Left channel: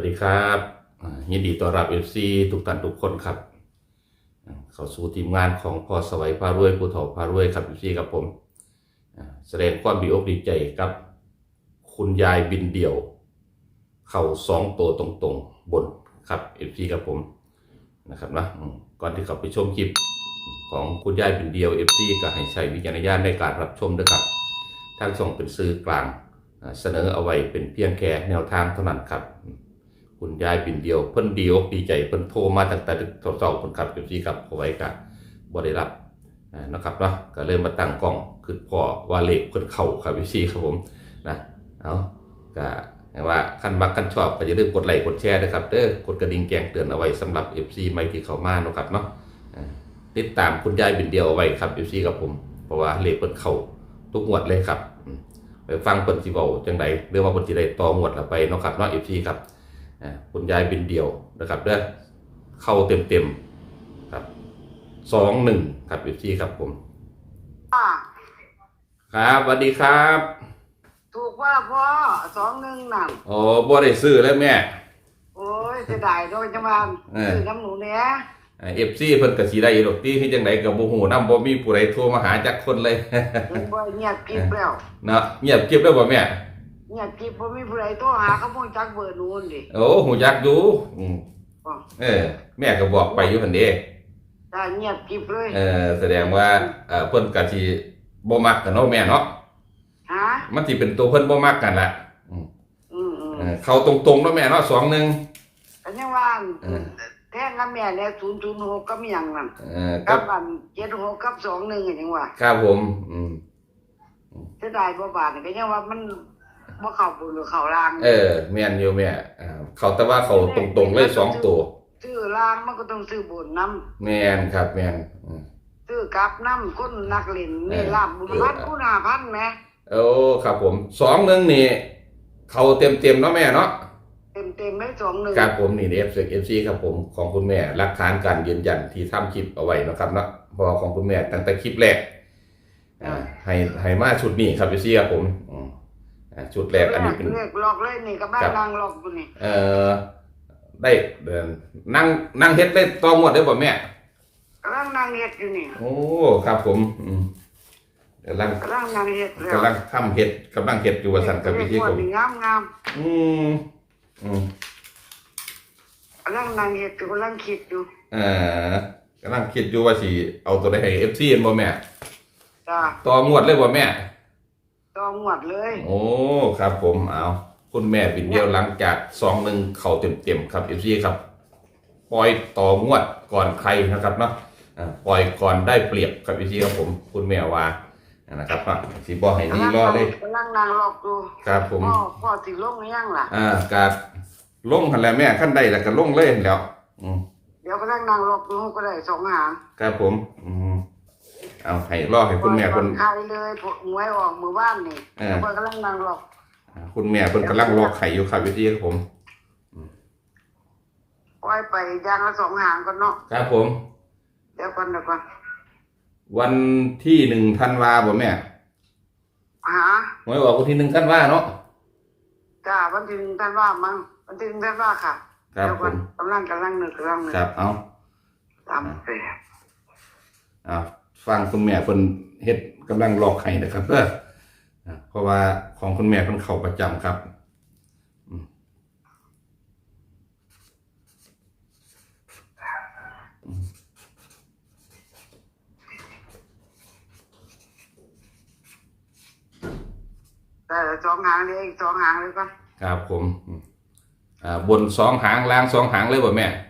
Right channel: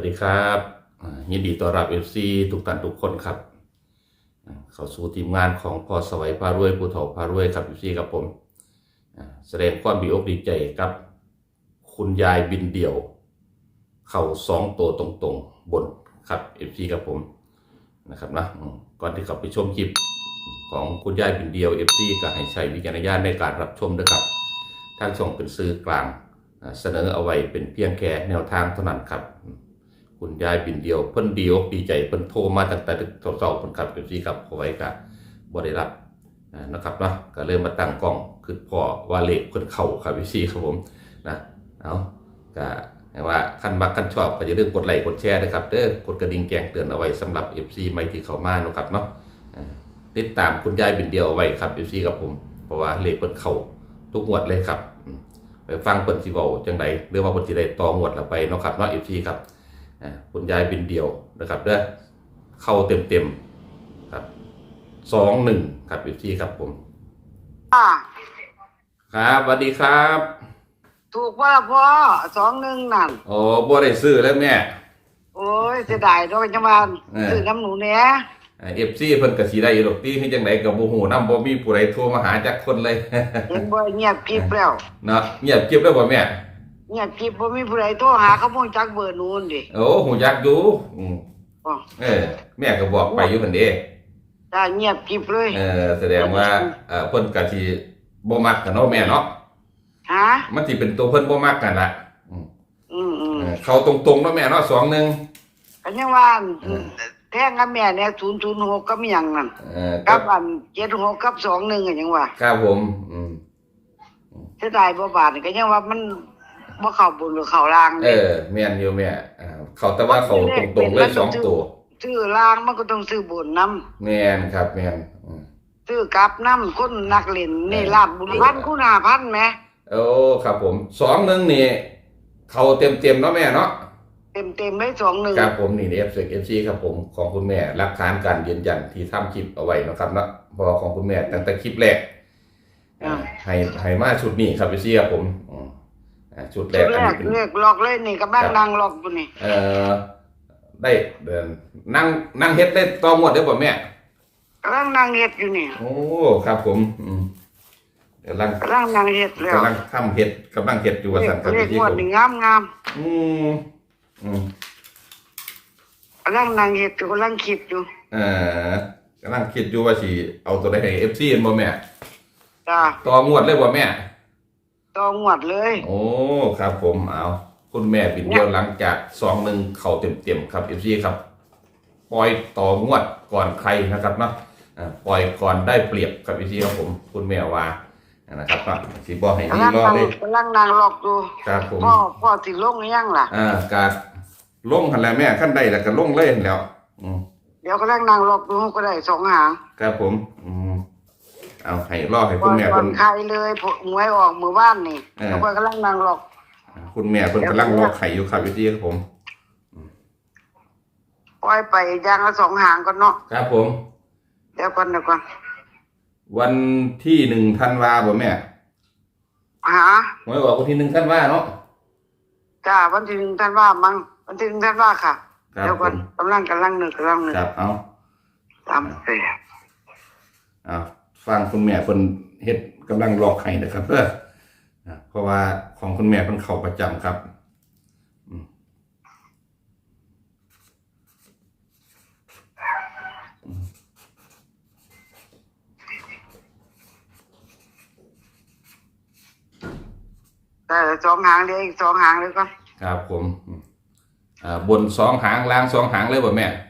วัสดีครับยินดีต้อนรับเอฟซีทุกท่านทุกคนครับ เข้าสู่ทีมงานของพ่อสวัยพารวยผู้ถอพารวยครับเอฟซีครับผม แสดงความดีอกดีใจกับ คุณยายบินเดี่ยว เข่าสองตัวตรงๆ บนครับเอฟซีครับผมนะครับนะก่อนที่เข้าไปชมคลิปของคุณยายบินเดียวเอฟซีก็ให้ใช้วิจารณญาณในการรับชมด้วยครับทางช่องเป็นสื่อกลางเสนอเอาไว้เป็นเพียงแค่แนวทางเท่านั้นครับ คุณยายบินเดียวเพิ่นดีอกดีใจเพิ่นโทรมาตั้งแต่เช้าๆเพิ่นขับเอฟซีครับเอาไว้ก็บ่ได้รับนะครับเนาะก็เลยมาตั้งกล้องคือพอว่าเลขเพิ่นเข้าครับเอฟซีครับผมนะเอาก็ให้ว่าคันมักคันชอบก็อย่าลืมกดไลค์กดแชร์นะครับเด้อกดกระดิ่งแจ้งเตือนเอาไว้สำหรับ FC ใหม่ที่เข้ามาเนาะครับเนาะอ่ติดตามคุณยายบินเดียวเอาไว้ครับ FC กับผม เพราะว่าเลขเพิ่นเข้าทุกงวดเลยครับ ไปฟังเพิ่นสิเว้าจังไดหรือว่าเพิ่นสิได้ต่องวดละไปเนาะครับเนาะ FC ครับ คุณยายบินเดียวนะครับเด้อเข้าเต็มๆครับ21ครับ FC ครับผมอ่าครับสวัสดีครับ ถูกว่าพ่อสองหนึ่งนั่นโอ้บ่ได้ซื้อแล้วแม่ โอ้ยเสียดายด้วยจังหวะเออซื้อน้ำหนูเนี้ยเอฟซีเพิ่นก็สิได้อยู่ดอกตี้คือจังไดก็บ่ฮู้นำบ่มีผู้ใดโทรมาหาจักคนเลยเห็นบ่เงียบกริบแล้วเนาะเงียบเก็บแล้วบ่แม่ เงียบกริบบ่มีผู้ใดโทรหาเขาบ่จักเบอร์นู้นดิโอ้ฮู้จักอยู่อืมอ๋อเออ แม่ก็บอกไปอยู่หั่นเด้จ้าเงียบกริบเลยเออแสดงว่าเอ่อเพิ่นก็สิบ่มักกันเนาะแม่เนาะฮะมันสิเป็นตัวเพิ่นบ่มักกันล่ะอืมอืมอืมเออเข้าตรงๆเนาะแม่เนาะ2 1อันนี้ว่าเออ แท่งกับแม่เนี่ย006กับหยังนั่นเออกักับบอัน76กับ21อันยังว่า ครับผม อืมเสียดายบ่บาทนี่ก็ยังว่ามัน บ่เข้าบุญหรือเข้าล่างเออแม่นอยู่แม่อ่าเขาแต่ว่าเขาตรงๆเลยสองตัวซื้อล่างมันก็ต้องซื้อบุญนํแม่นครับ แม่นอืมซื้อกลับน้ำคนนักเล่นนี่เออลาบบุญพันคุณหาพันไหมโอ้ครับผมสองหนึ่งนี่เขาเต็มเต็มๆเนาะแม่เนาะเต็มเต็มไม่สองหนึ่งครับผมนี่เอฟเอฟซีครับผมของคุณแม่หลักฐานการยืนยันที่ทำคลิปเอาไว้เนาะครับเนาะเพอของคุณแม่ตั้งแต่คลิปแรกอ่าให้ให้มาชุดนี้ครับเอฟซีครับผมอืม อ่าชุดแรกอันนี้เป็นเลือกหลอกเลยนี่กับบ้านครับนางหลอกอยู่นี่เอ่อได้เดินนั่งนั่งเฮ็ดได้ตองหมดได้ป่ะแม่กำลังนางเฮ็ดอยู่นี่โอ้ครับผมอืมกำลังกำลังนางเฮ็ดแล้วกำลังทำเฮ็ดกำลังเฮ็ดอยู่ว่าสั่นครับเรีพี่ยกที่ว่าผมนี่งามงามอืมอืมกำลังนางเฮ็ดอยู่กำลังคิดอยู่เอ่อกำลังคิดอยู่ว่าสิเอาตัวใดให้ FC เห็นบ่แม่จ้าต่องวดเลยบ่แม่ ต่องวดเลย โอ้ ครับผมเอาคุณแม่บินเดียวหลังจากสองหนึ่งเข้าเต็มๆครับ FC ครับ ปล่อยต่องวดก่อนใครนะครับเนาะอ่าปล่อยก่อนได้เปรียบครับ FC ครับผม คุณแม่ว่านะครับเนาะสิบ่ให้นี่รอเลยกำลังนางหลอกอยู่ครับผมพ่อพ่อสิลงหรือยังล่ะอ่ากาดลงหันแล้วแม่ขั้นได้แล้วก็ลงเลยหั่นแหล้ว อืมเดี๋ยวกำลังนางหลอกอยู่ก็ได้สองหางครับผม อืม เอาให้รอให้คุณแม่คเพิ่นนใครเลยผหวยออกมือบ้านนี่เออเพราะว่ากำลังนางหลอกอ่าคุณแม่เพิ่นกำลังรอไข่อยู่ครับพี่ครับผม ปล่อยไปอย่างละสองหางก่อนเนาะครับผม เดี๋ยวก่อนเดี๋ยวก่อนวันที่หนึ่งธันวาบ่แม่หาหวยออกวันที่หนึ่งธันวาเนาะจ้าวันที่หนึ่งท่านว่ามั้งวันที่หนึ่งท่านว่าค่ะครับเดี๋ยวผก่อนมกำลังกำลังหนึ่งกำลังหนึ่งครับเอาตามเสียเอา ฟังคุณแม่เพิ่นเฮ็ดกำลังรอไข่นะครับเด้ออ่าเพราะว่าของคุณแม่เพิ่นเข้าประจำครับอืมแต่สองหางเดียวอีกสองหางเลยก่อนครับผมอืมอ่าบนสองหางล่างสองหางเลยบ่แม่จ้าอืม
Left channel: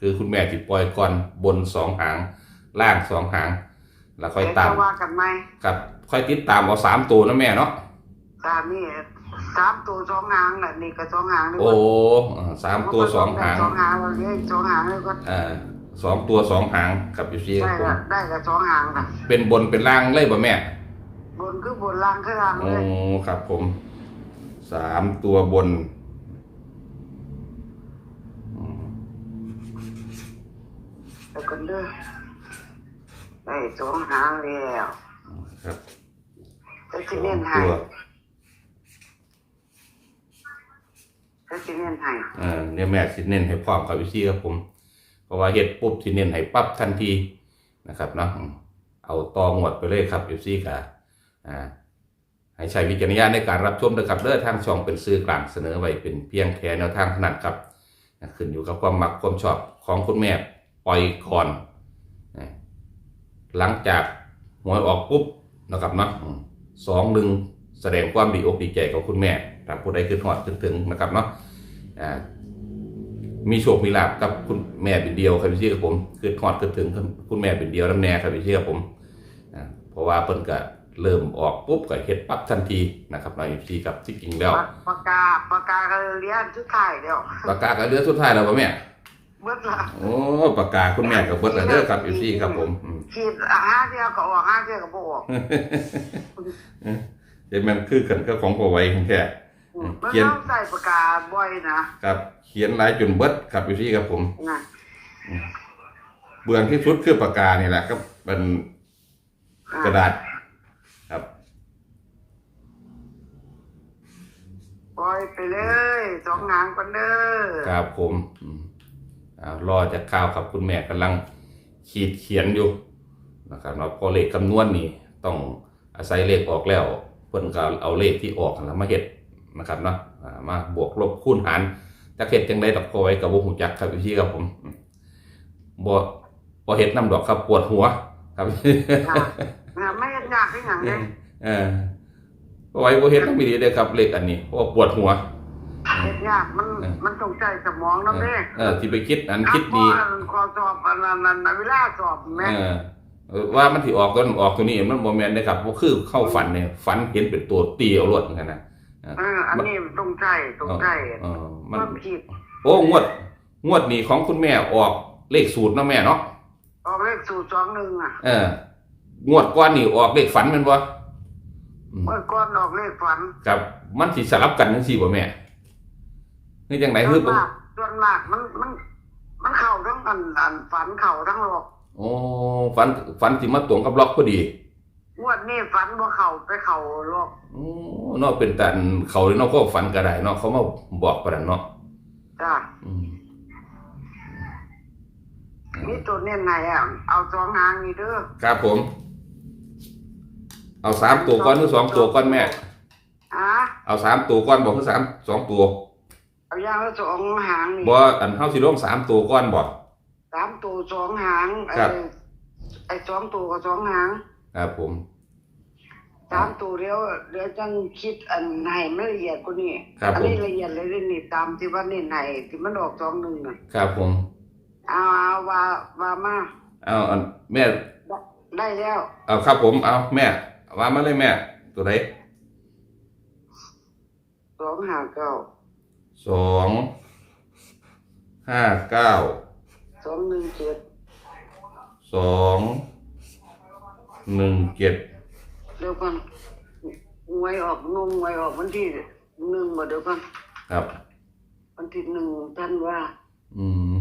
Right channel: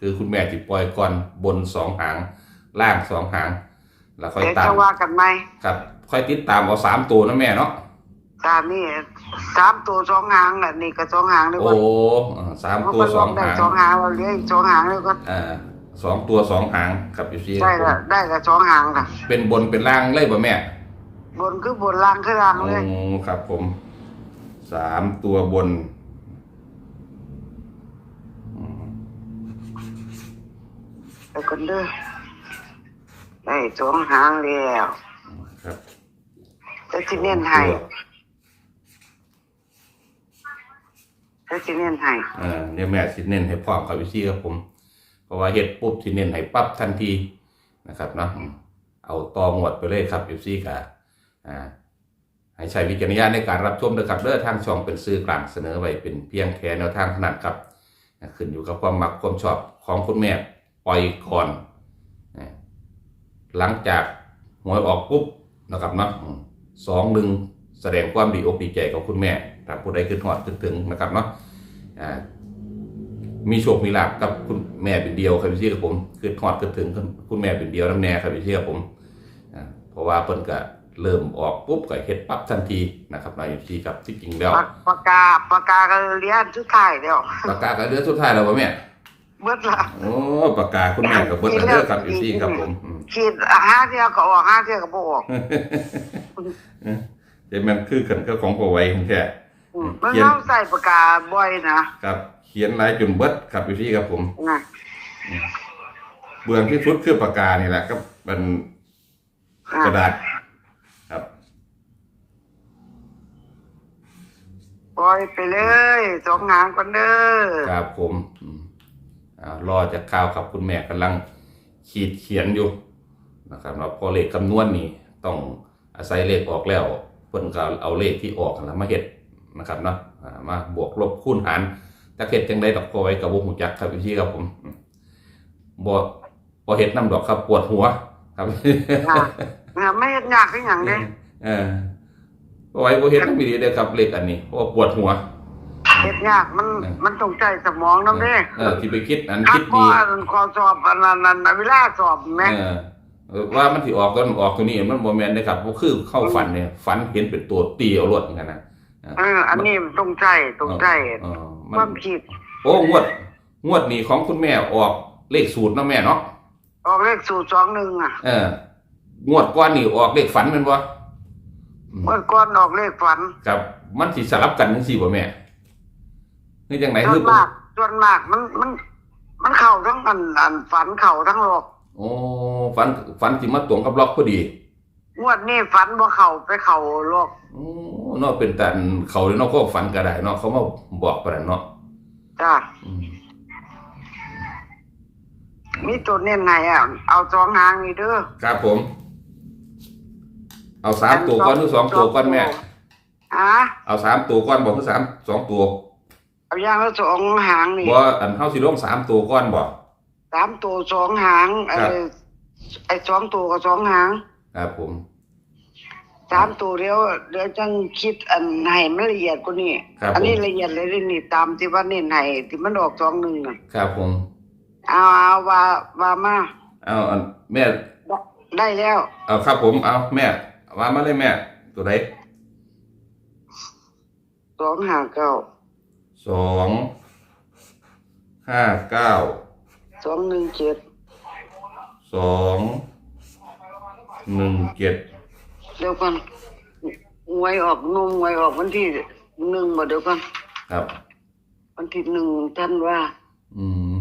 คือคุณแม่จิปล่อยก่อนบนสองหาง ล่างสองหาง แล้วค่อยเดี๋ยวตามจะว่ากันไหมครับ ค่อยติดตามเอาสามตัวนะแม่เนาะจ้านี่สามตัวสองหางแหละนี่ก็สองหางเลยโอ้อ่าสามตัวสองหางสองหางเราเลี้ยงอีกสองหางเลยก็อ่าสองตัวสองหางครับอยู่ที่ได้ผมละได้ละสองหางค่ะเป็นบนเป็นล่างเลยบ่แม่ บนคือบนล่างคือล่างโอ้เลยครับผมสามตัวบนอืม เดี๋ยวกันเด้อได้สองหางแล้วครับจะที่เน้นให้สองตัวถ้าสิเน้นให้เออเดี๋ยวแม่สิเน้นให้พร้อมกับวิซี่ครับผม เพราะว่าเฮ็ดปุ๊บสิเน้นให้ปั๊บทันทีนะครับเนาะอืมเอาตองวดไปเลยครับวิซี่กะอ่าให้ใช้วิจารณญาณในการรับชมด้วยครับเด้อทางช่องเป็นสื่อกลางเสนอไว้เป็นเพียงแค่แนวทางถนัดครับนะขึ้นอยู่กับความมักความชอบของคุณแม่ ปล่อยก่อนนะหลังจากหวยออกปุ๊บนะครับเนาะอืมสองหนึ่งแสดงความดีอกดีใจกับคุณแม่ถ้าผู้ใดขึ้นหอดขึ้นถึงนะครับเนาะอ่ามีโชคมีลาบกับคุณแม่เป็นเดียวครับพี่ซี่กับผมขึ้นหอดขึ้นถึงคุณแม่เป็นเดียวน้ำแน่ครับพี่ซี่กับผมอ่าเพราะว่าเพิ่นก็เริ่มออกปุ๊บก็เฮ็ดปั๊บทันทีนะครับนายซีกับที่จริงแล้วปากกาปากกาก็เรียนสุดท้ายแล้วปากกาก็เดือสุดท้ายแล้วบ่แม่ เบิดละโอ้ปากกาคุณแม่ก็เบิดแล้วเด้อครับ FC ครับผมอืมขีดห้าเที่ยวก็ออกห้าเที่ยวก็บ่ออกเดี๋ยวมันคือกันก็ของพอไว้แค่อืมมันเขียนต้องใส่ปากกาบ่อยนะครับ เขียนหลายจนเบิดครับ FC ครับผม นะเบื้องที่สุดคือปากกานี่แหละครับเป็นอะกระดาษ ครับ ปล่อยไปเลยสองหางกันเด้อครับผมอืมอ่า รอจะข่าวครับคุณแม่กำลังขีดเขียนอยู่นะครับว่าพอเลขคำนวณนี่ต้องอาศัยเลขออกแล้วเพิ่นก็เอาเลขที่ออกนั่นล่ะมาเฮ็ดนะครับเนาะอ่ามาบวกลบคูณหารจะเฮ็ดจังไดดอกพอไว้กับบ่ฮู้จักครับพี่ครับผมอืมบ่บ่เฮ็ดนํดอกครับปวดหัว ครับค่ะเนี่ยไม่ยากขึ้นอหย่างนี้เออพอไว้บ่เฮ็ดนำดีเด้อครับเลขอันนี้เพราะว่าปวดหัว เฮ็ดยากมันเออ มันต้องใจสมองนะแม่เออที่ไปคิดอันคิดดีอันขอสอบอันนั้นอันนั้นเวลาสอบแม่เออเออว่ามันที่ออกก็ออกตัวนี้มันโมเมนต์นะครับเพราะคือเข้าฝันเนี่ยฝันเห็นเป็นตัวเตียวรวดเหมือนกันนะเอออันนี้มันต้องใจต้องใจเออคมันวามคิดโอ้งวด งวดนี้ของคุณแม่ออกเลขสูตรเนาะแม่เนาะออกเลขสูตรสองหนึ่งอะเอองวดก้อนนี่ออกเลขฝันแมันบ่อืมเมื่อก่อนออกเลขฝัน ครับ มันสิสลับกันจังซี่บ่แม่ นี่จังไหนส่คืวอนผมมากส่วนมากมันมัน มันเข้าทั้งอันอันฝันเข้าทั้งหลอกโอ้ฝันฝันสิมาตรงกับล็อกพอดีงวดนี้ฝันบ่เข้าไปเข้าหลอกโอ้เนาะเป็นแต่เขาเนาะก็ฝันก็ได้เนาะเขามาบอกปานนั้นเนาะจ้าอืมมีตัวเน้นไหนอะเอาสองหางนี่เด้อครับผม เอาสามตัวก้อนหรือสองตัวก้อนแม่ อะเอาสามตัวก้อนบอกคือสามสองตัว เอาอย่างละสองหางนี่บ่อันเฮาสิลงสามตัวก้อนบ่สามตัวสองหางไอ้ครับไอ้สองตัวกับสองหางครับผมสามตัวเดียวเดี๋ยวจังคิดอันให้มันละเอียดกว่านี้ครับอัผมนี้ละเอียดเลยนี่ตามที่ว่าเน้นให้ที่มันออกสองหนึ่งน่ะครับผมเอาเอาว่าว่ามาเอาอันแม่ได้แล้วเอาครับผมเอาแม่ว่ามาเลยแม่ ตัวใดสองหางเก้า สองห้าเก้าสองหนึ่งเจ็ดสองหนึ่งเจ็ดเดี๋ยวกันหวยออกนมหวยออกวันที่หนึ่งมาเดี๋ยวกันครับ วันที่หนึ่งท่านว่า อืม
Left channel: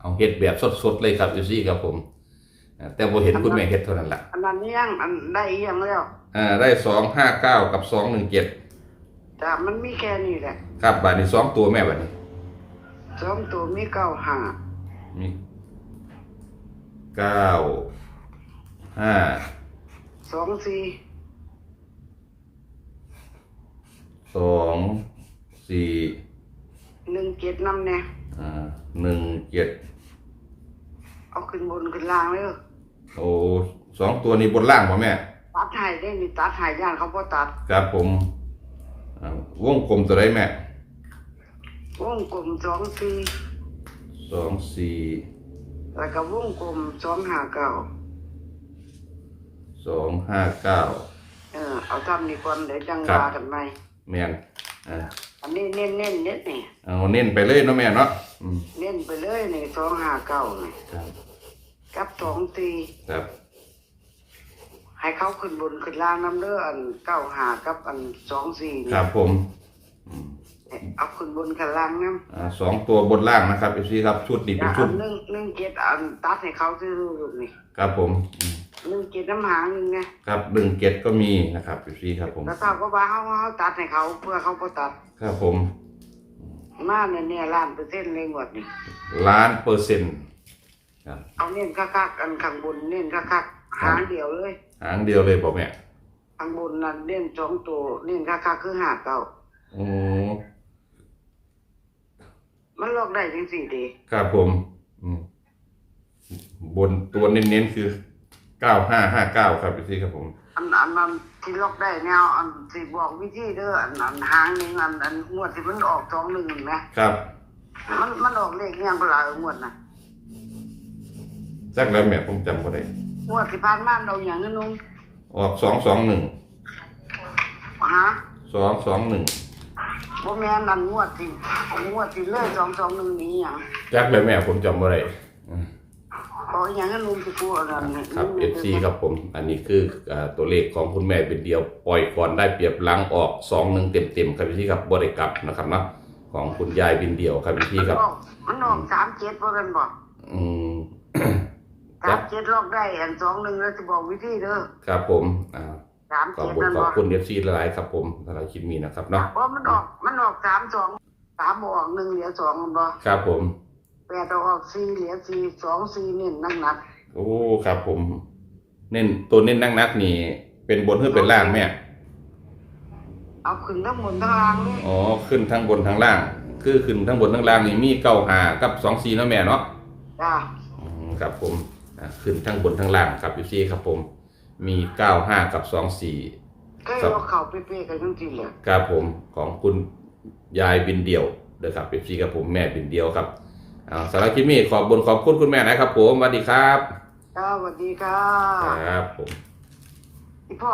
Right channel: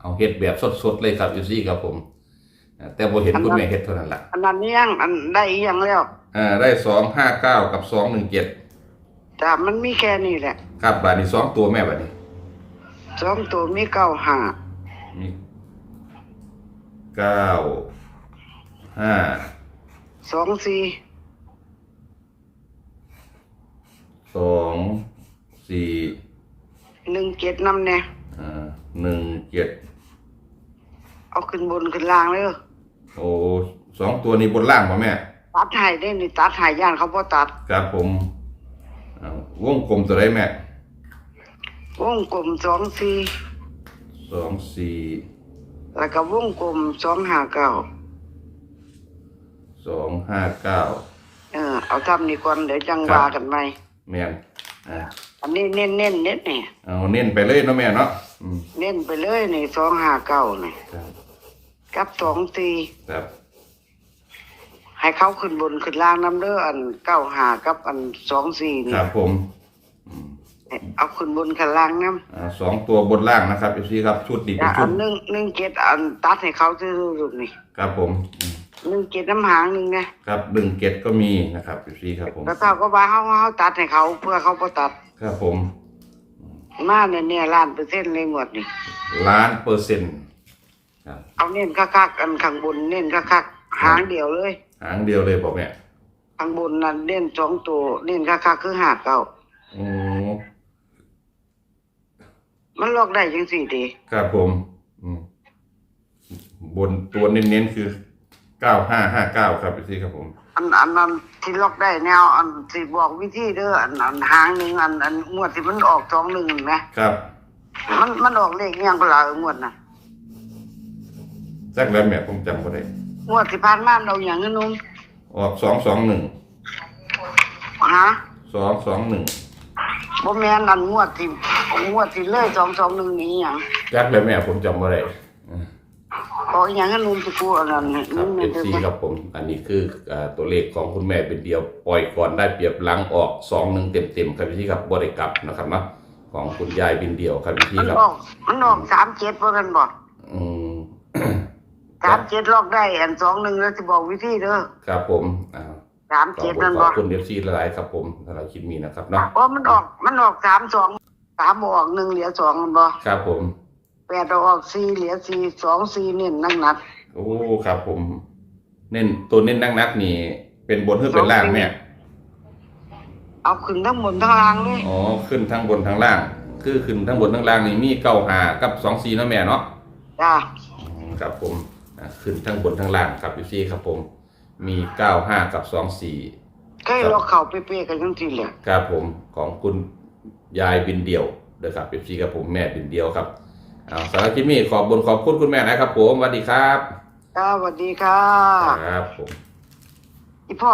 เอาเฮ็ดแบบสดๆเลยครับอยู่ซี่ครับผมอ่าแต่บ่เห็นคุณแม่เฮ็ดเท่านั้นล่ะอันนั้นยังอันได้อีกอยังแล้วอ่าได้สองห้าเก้ากับสองหนึ่งเจ็ด แต่มันมีแค่นี้แหละครับบาทนี้สองตัวแม่บาทนี้สองตัวมีเก้าหามีเก้าห้าสองสี่สองสี่หนึ่งเจ็ดน้ำเนี่ยอ่าหนึ่งเจ็ดเอาขึ้นบนขึ้นล่างเลยโอ้สองตัวนี้บนล่างป่ะแม่ ตัดใหายได้นี่ตัดใหายย่านเขาพอตัด ครับผม อ่าวงกลมตัวไรแม่วงกลมสองสี่สองสี่แล้วก็วงกลมสองหาเก้าสองห้าเก้าเออเอาทำนี่ก่อนเดี๋ยวจังครับว่ากันไหมแม่นอ่าอันนี้เน้นเน้นๆเน้นนี่เอาเน้นไปเลยเนาะแม่เนาะอืมเน้นไปเลยนี่สองหาเก้านี่ครับกับสองสี่ครับ ให้เขาขึ้นบนขึ้นล่างน้ำเด้ออันเก้าหากับอันสองสี่นี่ครับผมอืมเอาขึ้นบนขึ้นล่างน้อ่าสองตัวบนล่างนะครับเอฟซีครับชุดนี้ำเป็นอัชุดนหนึ่งหนึ่งเจ็ดอันตัดให้เขาซื้อๆนี่ครับผมอืมหนึ่งเจ็ดน้ำหางหนึ่งไงครับหนึ่งเกตก็มีนะครับเอฟซีครับผมแล้วเขาก็ว่าเขาเขาตัดให้เขาเพื่อเขาบ่ตัดครับผมมาเนี่ยเนี่ยล้านเปอร์เซ็นต์เลยหมดนี่ ล้านเปอร์เซ็นต์ครับเอาเน้นคักๆอันข้างบนเน้นคักๆหางเดียวเลย หางเดียวเลยบอกแม่ข้างบนนั่นเน้นสองตัวเน้นคักๆคือหาเก้าโอ้มันลอกได้จังสี่ดีครับผม อืมบนตัวเน้นๆคือเก้าห้าห้าเก้าครับเอฟซีครับผม อันอันนั้นที่ลอกได้แนวอันสิบอกวิธีเด้ออันอันหางหนึ่งอันอันงวดที่มันออกสองหนึ่งนะครับ มันมันออกเลขอิหยังเปล่าเอองวดน่ะจักแล้วแม่ผมจำก็ได้ งวดที่ผ่านมาเราอย่างนั้นนุ่มออกสองสองหนึ่งฮะสองสองหนึ่งบ่แม่นอันงวดที่งวดที่เลยสองสองหนึ่งนี้หยังจักแล้วแม่ผมจำก็ได้อืมออกอหย่างนั้นนุ่มสิกูอันนั้นครับเอฟซีครับผม อันนี้คืออ่าตัวเลขของคุณแม่เป็นเดียวปล่อยก่อนได้เปรียบหลังออกสองหนึ่งเต็มเต็มๆครับพี่ครับบริกลับนะครับเนาะของคุณยายบินเดียวครับพี่มันครับออกมันออกสามเจ็ดบ่กันบ่อืม สามเจ็ดลอกได้อันสองหนึ่งแล้วสิบอกวิธีเด้อครับผมอ่าสามขอบเจ็ดคุณนั่นขอบ่บคุณเอฟซีหลายๆครับผมหลายๆคิดมีนะครับเนาะเพราะมันออกมันออกสามสองสามบ่ออกหนึ่งเหลือสองมันบ่ครับผม แปดเอาออกสี่เหลือสี่สองสี่เน้นนั่งนัดโอ้ครับผม เน้นตัวเน้นนักนักๆนี่ เป็นบนหรือเป็นล่างแม่เอาขึ้นทั้งบนทั้งล่างเลยอ๋อขึ้นทั้งบนทั้งล่าง คือขึ้นทั้งบนทั้งล่างนี่มีเก้าหากับสองสี่เนาะแม่เนาะจ้า อืมครับผมอะ ขึ้นทั้งบนทั้งล่างครับพี่ซีครับผม มีเก้าห้ากับสองสี่ใกล้เราเข้าเป๊ะๆกันจังซี่แหละครับผมของคุณยายบินเดียวเด้อครับพี่ซีครับผมแม่บินเดียวครับเอาสารบคลิปนี้ขอบบนขอบคุณคุณแม่นะครับผมสวัสดีครับจ้าสวัสดีค่ะครับผมอีพ่อ